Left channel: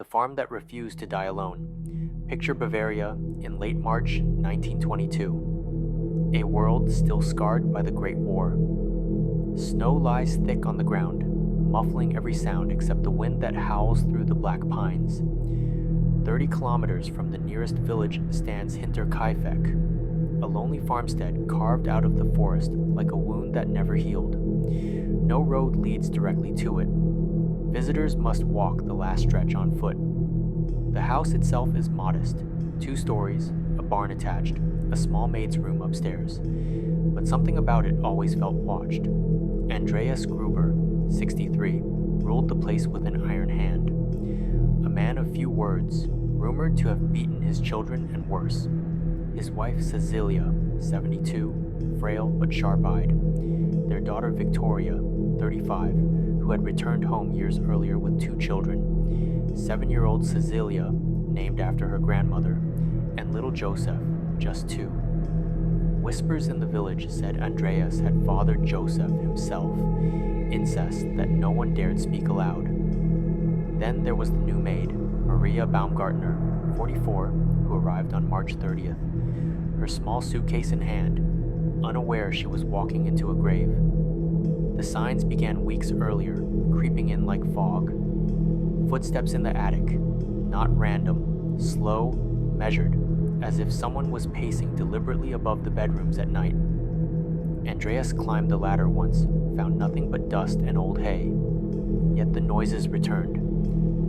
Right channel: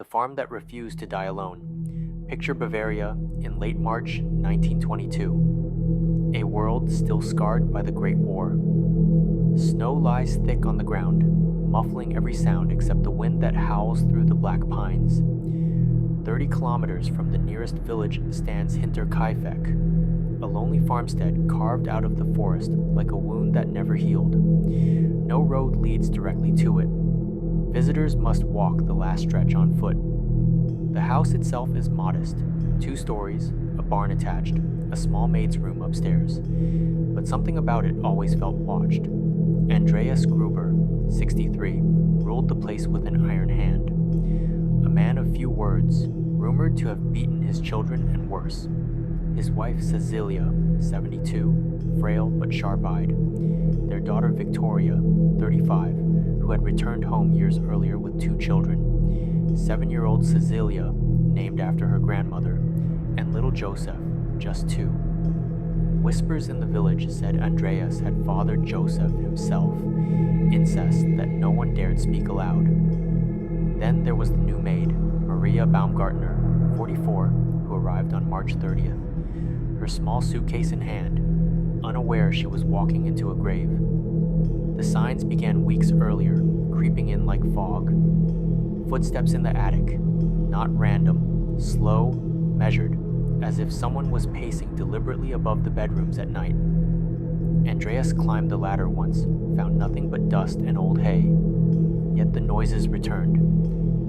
the farm that refused to die alone. Picture Bavaria in late March 1922. A world still scarred by the Great War. Snow lies thick on the ground, muffling every sound except the wind that howls through the black pines. 30 kilometers from the nearest village stands Hinterkaifeck, a lonely farmstead carved out of the forest like a wound that never healed. No road leads directly to it. Visitors must walk the last stretch on foot. The house itself is modest, 2 stories, a barn attached, a small maid's room upstairs. But something about it always felt watched. Andreas Gruber, 63, ruled the place with an iron hand. A man of few words, rumored to have beaten his children and worse. His wife Cecilia, 72, frail but sharp-eyed. Their daughter Victoria, 35, who had returned home years earlier with 2 children. 7-year-old Cecilia, named after her grandmother, and little Joseph, just 2. Whispers in the village said Andreas had fathered Joseph himself, incest that no one dared speak aloud. Then there was the new maid, Maria Baumgartner, 44, who arrived on March 30th, her small suitcase in hand, unaware she was walking into a grave. The signs began weeks earlier, creeping in like fog. Footsteps in the attic, not random, slow, measured, as if someone was pacing deliberately above the bedrooms at night. Andreas climbed the ladder once, found nothing but dust and old hay. Yet the noises returned.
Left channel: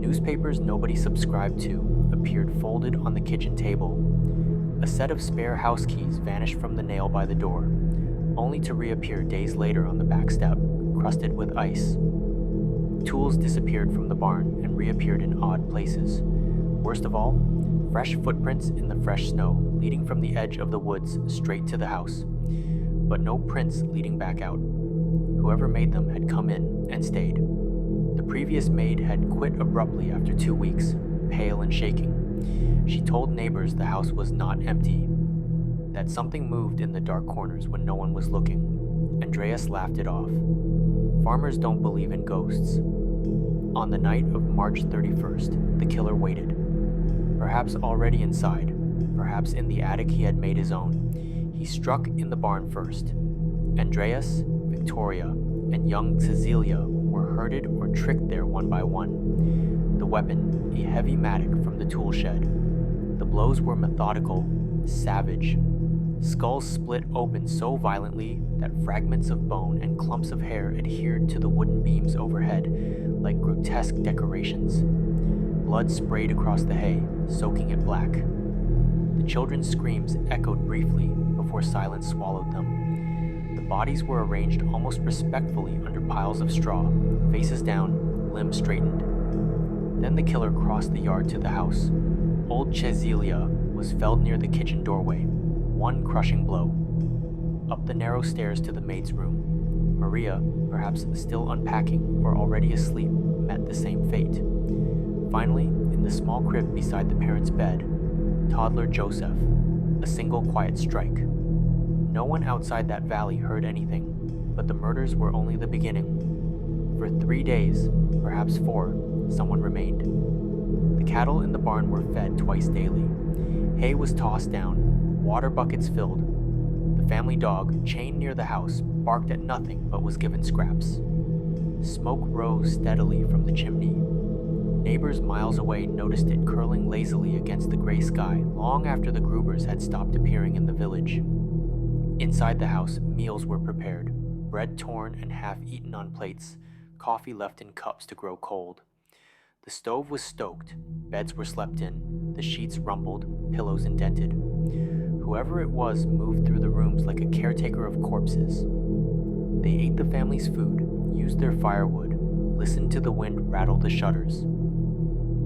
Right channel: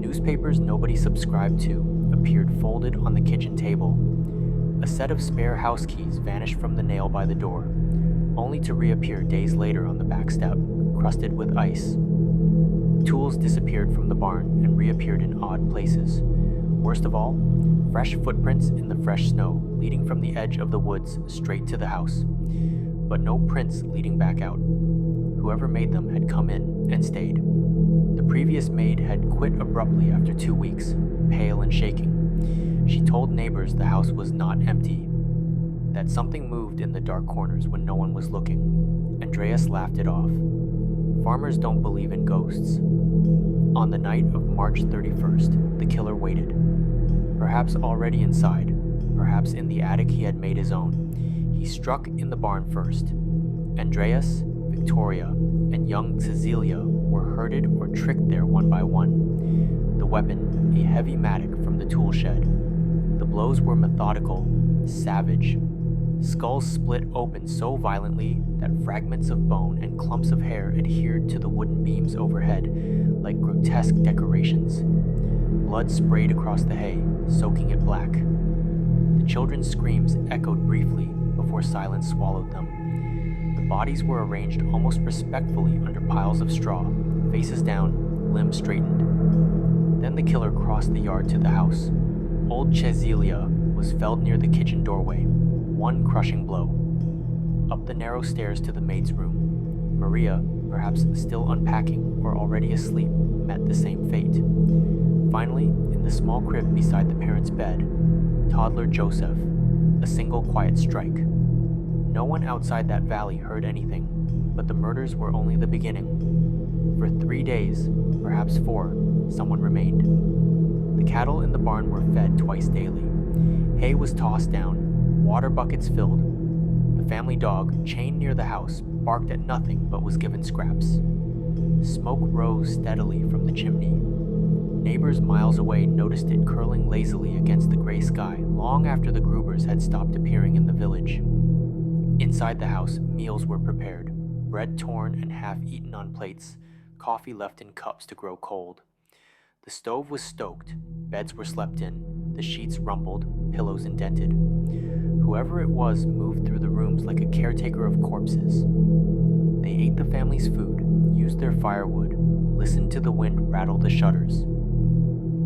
Newspapers nobody subscribed to appeared folded on the kitchen table. A set of spare house keys vanished from the nail by the door, only to reappear days later on the back step, crusted with ice. Tools disappeared from the barn and reappeared in odd places. Worst of all, fresh footprints in the fresh snow, leading from the edge of the woods straight to the house. But no prints leading back out. Whoever made them had come in and stayed. The previous maid had quit abruptly after 2 weeks, pale and shaking. She told neighbors the house was not empty, that something moved in the dark corners when no one was looking. Andreas laughed it off. Farmers don't believe in ghosts. On the night of March 31st, the killer waited. Perhaps already inside, perhaps in the attic he had made his own. He struck in the barn first. Andreas, Victoria, and young Cecilia were herded or tricked there one by one. The weapon, a heavy mattock from the tool shed. The blows were methodical, savage. Skulls split open so violently that fragments of bone and clumps of hair adhered to the wooden beams overhead like grotesque decorations. Blood sprayed across the hay, soaking it black. The children's screams echoed briefly before silence swallowed them. The bodies were arranged almost respectfully under piles of straw, faces down, limbs straightened. Then the killer crossed the yard to the house. Old Cecilia was felled near the kitchen doorway, one crushing blow. Up the narrow stairs to the maid's room. Maria, perhaps still unpacking or already asleep, met the same fate. Finally, in the small crib beside the parents' bed, toddler Joseph, a single quiet strike. No one outside that valley heard anything, but the murders were only the beginning. For 3 days, perhaps 4, someone remained. The cattle in the barn were fed twice daily. Hay was tossed down, water buckets filled. The family dog, chained near the house, barked at nothing but was given scraps. Smoke rose steadily from the chimney. Neighbors miles away noticed it curling lazily against the gray sky long after the Grubers had stopped appearing in the village. Inside the house, meals were prepared, bread torn and half-eaten on plates, coffee left in cups to grow cold. The stove was stoked, beds were slept in, the sheets rumpled, pillows indented. Whoever it was moved through the rooms like a caretaker of corpses. They ate the family's food, used their firewood, listened to the wind rattle the shutters.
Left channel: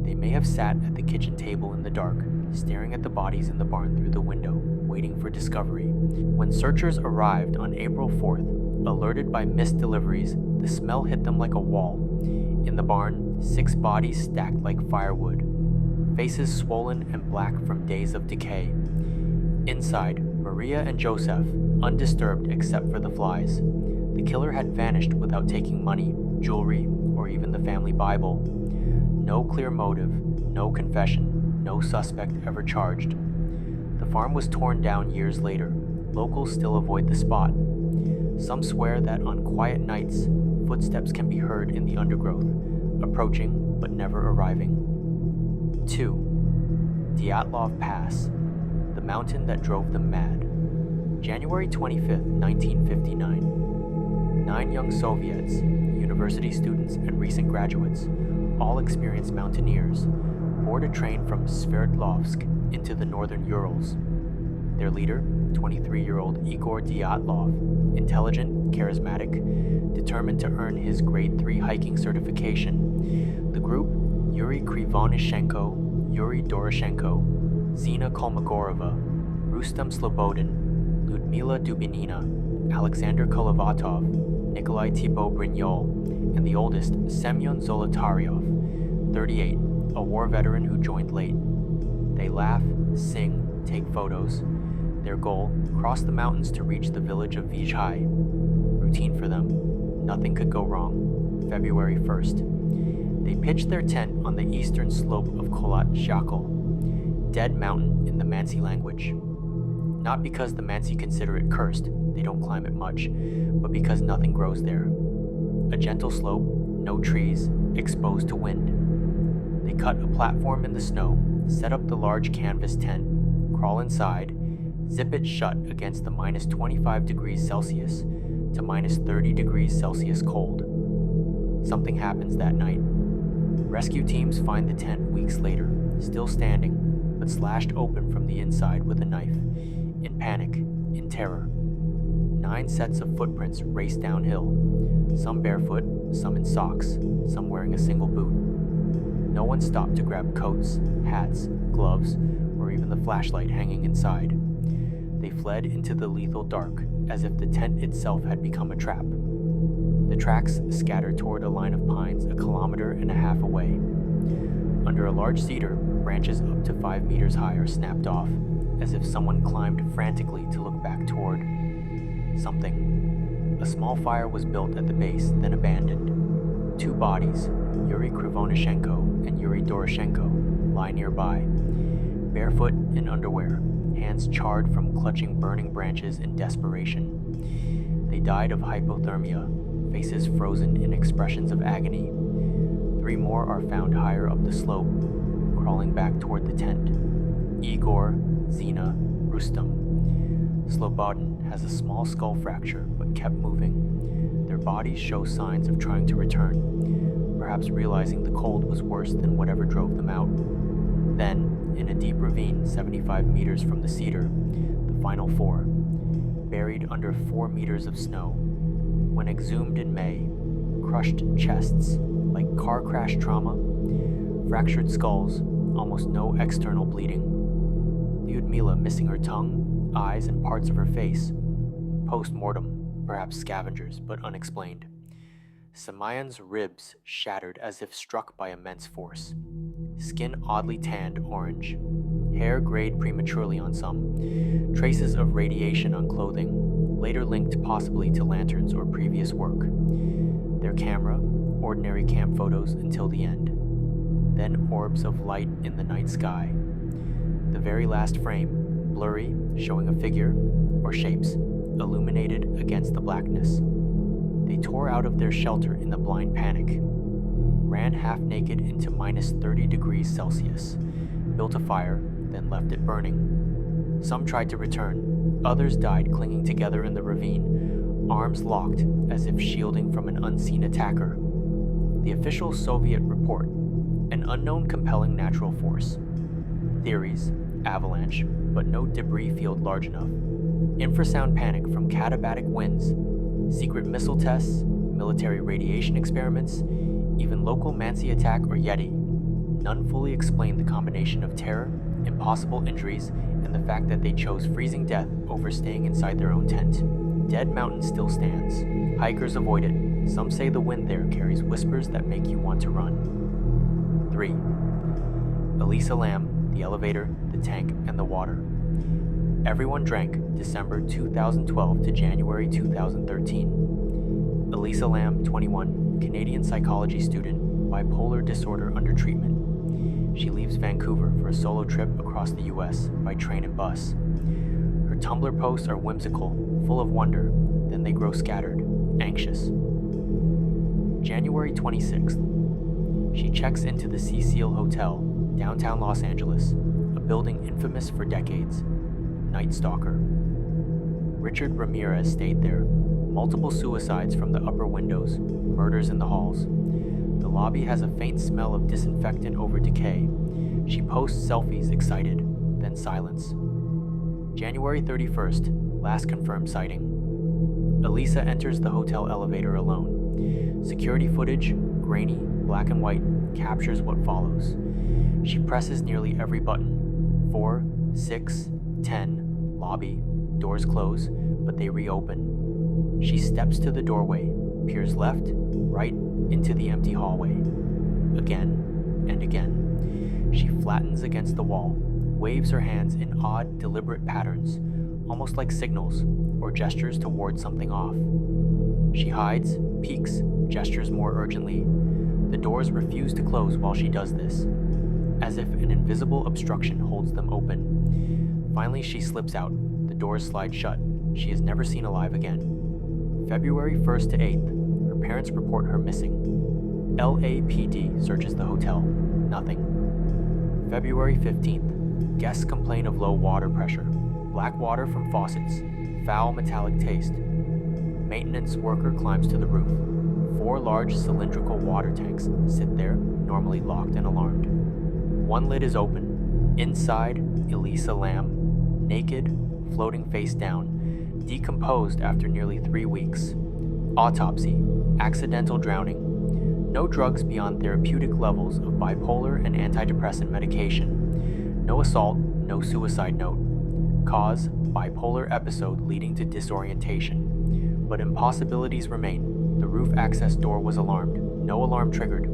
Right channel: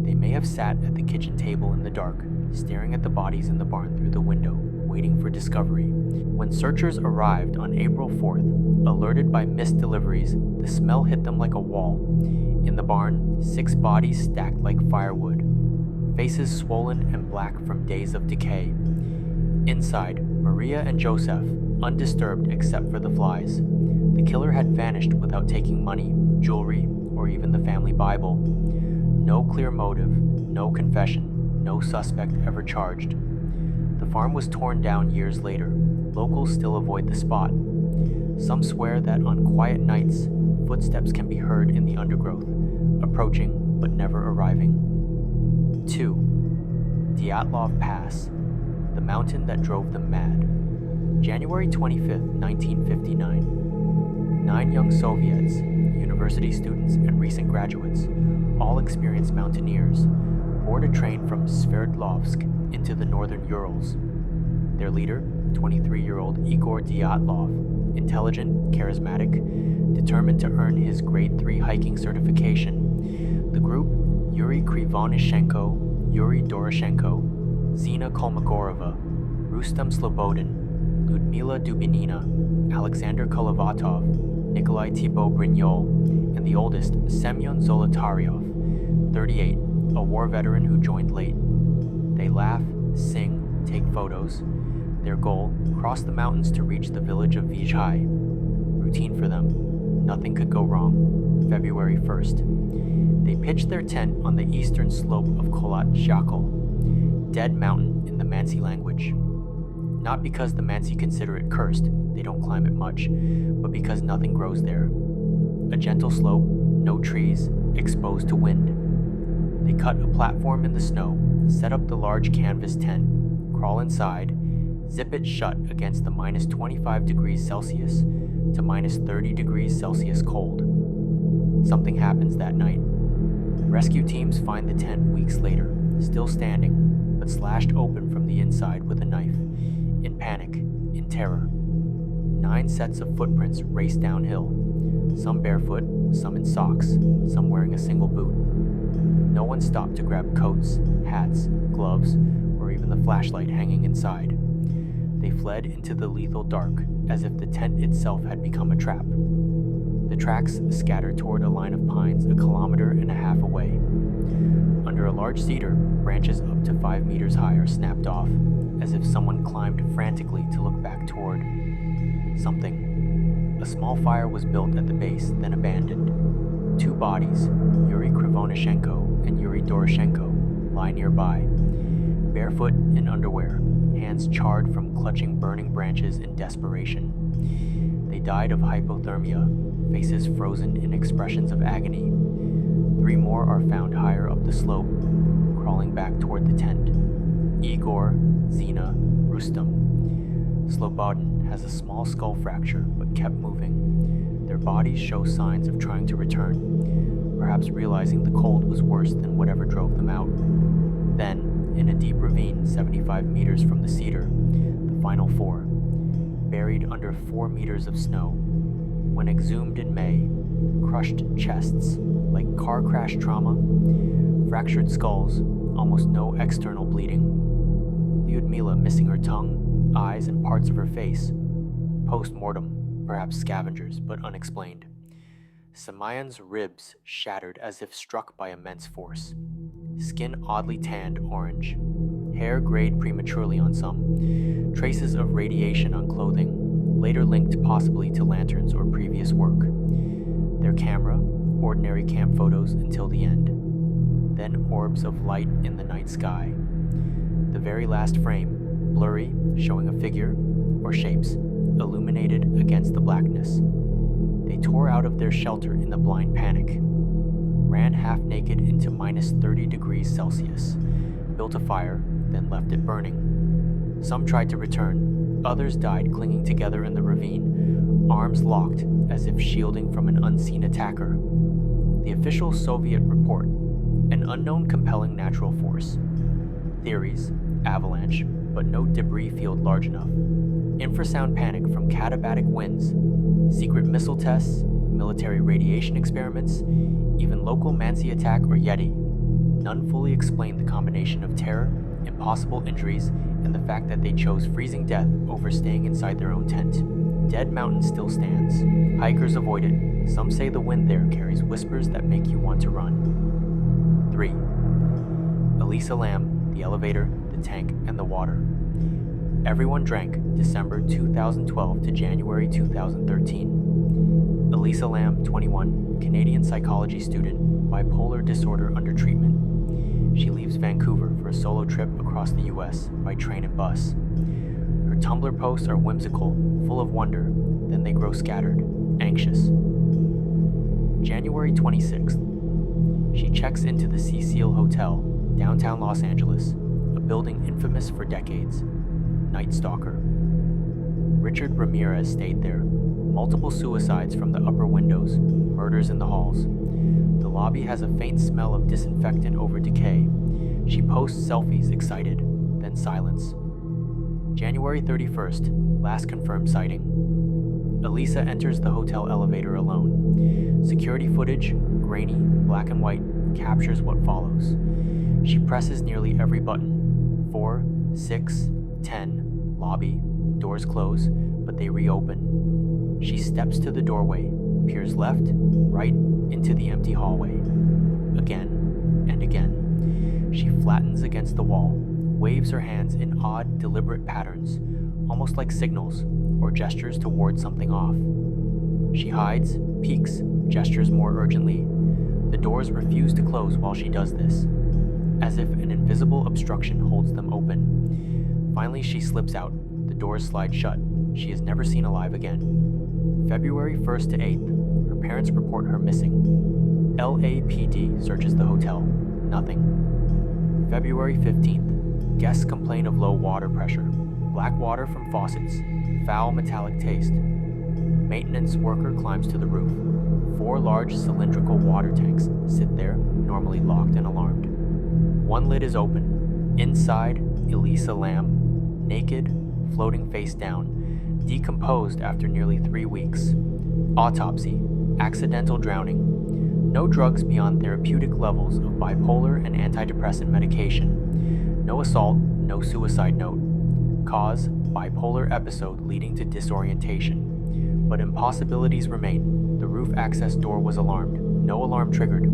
They may have sat at the kitchen table in the dark, staring at the bodies in the barn through the window, waiting for discovery. When searchers arrived on April 4th, alerted by missed deliveries, the smell hit them like a wall. In the barn, 6 bodies stacked like firewood, faces swollen and black from days of decay. Inside, Maria and Joseph, undisturbed except for the flies. The killer had vanished without taking money, jewelry, or even the family Bible. No clear motive, no confession, no suspect ever charged. The farm was torn down years later. Locals still avoid the spot. Some swear that on quiet nights, footsteps can be heard in the undergrowth, approaching but never arriving. 2. Dyatlov Pass, the mountain that drove them mad. January 25, 1959. 9 young Soviets, university students and recent graduates, all experienced mountaineers, board a train from Sverdlovsk into the northern Urals. Their leader, 23-year-old Igor Dyatlov, intelligent, charismatic, determined to earn his grade 3 hiking certification. The group, Yuri Krivonishenko, Yuri Doroshenko, Zina Kolmogorova, Rustem Slobodin, Ludmila Dubinina, Alexander Kolovatov, Nikolai Thibault Brignol, and the oldest, Semyon Zolotaryov, 38, a war veteran who joined late. They laugh, sing, take photos. Their goal, cross the mountains to reach the village of Vizhai. Routine for them. Nothing could go wrong. February 1st. They pitched their tent on the eastern slope of Kholat Zhakal, Dead Mountain in the Mansi language. Not because the Mansi consider it cursed, they don't climb it much, but because nothing grows there. A gentle slope, no trees, exposed to wind. They cut a platform in the snow, set up the large canvas tent, crawl inside, zip it shut against the minus 25 degrees Celsius to minus 30 degrees Celsius cold. Something happens that night. Rescue teams find the tent weeks later, still standing, but slashed open from the inside with a knife. In panic, in terror. 9 sets of footprints race downhill, some barefoot, some in socks, some wearing a single boot. No one stopped to grab coats, hats, gloves, or even the flashlight hanging inside. They fled into the lethal dark, as if the tent itself had become a trap. The tracks scattered toward a line of pines 1.5 kilometers away. Under a large cedar, branches up to 5 meters high are snapped off, as if someone climbed frantically to look back toward something. A small fire was built at the base, then abandoned. 2 bodies, Yuri Krivonishenko and Yuri Doroshenko, lie nearby, barefoot in underwear, hands charred from clutching burning branches in desperation. They died of hypothermia, faces frozen in expressions of agony. 3 more are found higher up the slope, crawling back toward the tent. Igor, Zina, Rustem. Slobodin has a small skull fracture, but kept moving. Their bodies show signs of trying to return, perhaps realizing the cold was worse than whatever drove them out. Then, in a deep ravine 75 meters from the cedar, the final 4, buried under 4 meters of snow. When exhumed in May, crushed chests, like car crash trauma, fractured skulls, almost no external bleeding. Lyudmila missing her tongue, eyes, and parts of her face. Post-mortem, perhaps scavengers, but unexplained. Samayan's ribs shattered as if struck by immense force. Skin oddly tanned orange. Hair grayed prematurely on some. Traces of radiation on clothing, later linked possibly to lanterns or previous work. Their camera, ordinary camp photos until the end. Then orbs of light in the night sky. The very last frame, blurry, showing a figure, or shapes, illuminated against the blackness. They tore out of their shelter in the blind panic, ran half naked into minus 30 degrees Celsius, built a fire, then left it burning. Some tried to return, others died clinging together in the ravine, arms locked as if shielding from an unseen attacker. The official Soviet report, an unknown compelling natural force. Theories, avalanche, but no debris field large enough. Infrasound panic from katabatic winds, secret missile tests, military radiation experiments, even local Mansi attack or Yeti. None fully explain the combination of terror, impossible injuries, and the fact that they chose freezing death over staying inside their own tent. Dead Mountain still stands. Hikers avoid it. Some say the wind there carries whispers that make you want to run. 3. Elisa Lam, the elevator, the tank, and the water. Everyone drank December 2012 to January 2013. Elisa Lam, 21, Canadian psychology student, bipolar disorder under treatment. She leaves Vancouver for a solo trip across the US by train and bus. Her Tumblr posts are whimsical, full of wonder, then they grow scattered, anxious. January 26th. She checks into the Cecil Hotel, downtown Los Angeles, a building infamous for decades. Night Stalker. Richard Ramirez stayed there. Multiple suicides from the upper windows, murders in the halls. The lobby has a faint smell of disinfectant over decay. She posts selfies excited, then silence. January 31st, last confirmed sighting. Elisa enters the hotel elevator alone. Security footage, grainy, black and white, captures what follows. She presses nearly every button. 4, 6, 10, lobby, doors close, but they reopen. She steps to the doorway, peers left, right, into the empty hallway. Again and again. She flattens against the wall, waves her hands in odd, deliberate patterns, almost like signals or gestures to ward something off. She hides, peeks, gestures more urgently. The doors refuse to close while she does this, as if an invisible obstruction holds them open. Finally, she slips out. The doors slide shut. She is never seen alive again. February 1st to 8th, her parents report her missing. LAPD searches the hotel. Nothing. February 15th, guests complain of low water pressure, black water from faucets, foul metallic taste. Maintenance worker climbs to the roof. 4 large cylindrical water tanks sit there, normally locked and alarmed. One lid is open. Inside, Elisa Lamb, naked, floating face down, decomposed after nearly 3 weeks. Autopsy, accidental drowning. No drugs beyond therapeutic levels of bipolar and antidepressant medication. No assault, no suicide note. Cause, bipolar episode leading to disorientation. But impossibilities remain. The roof access door was alarmed. No alarm triggered.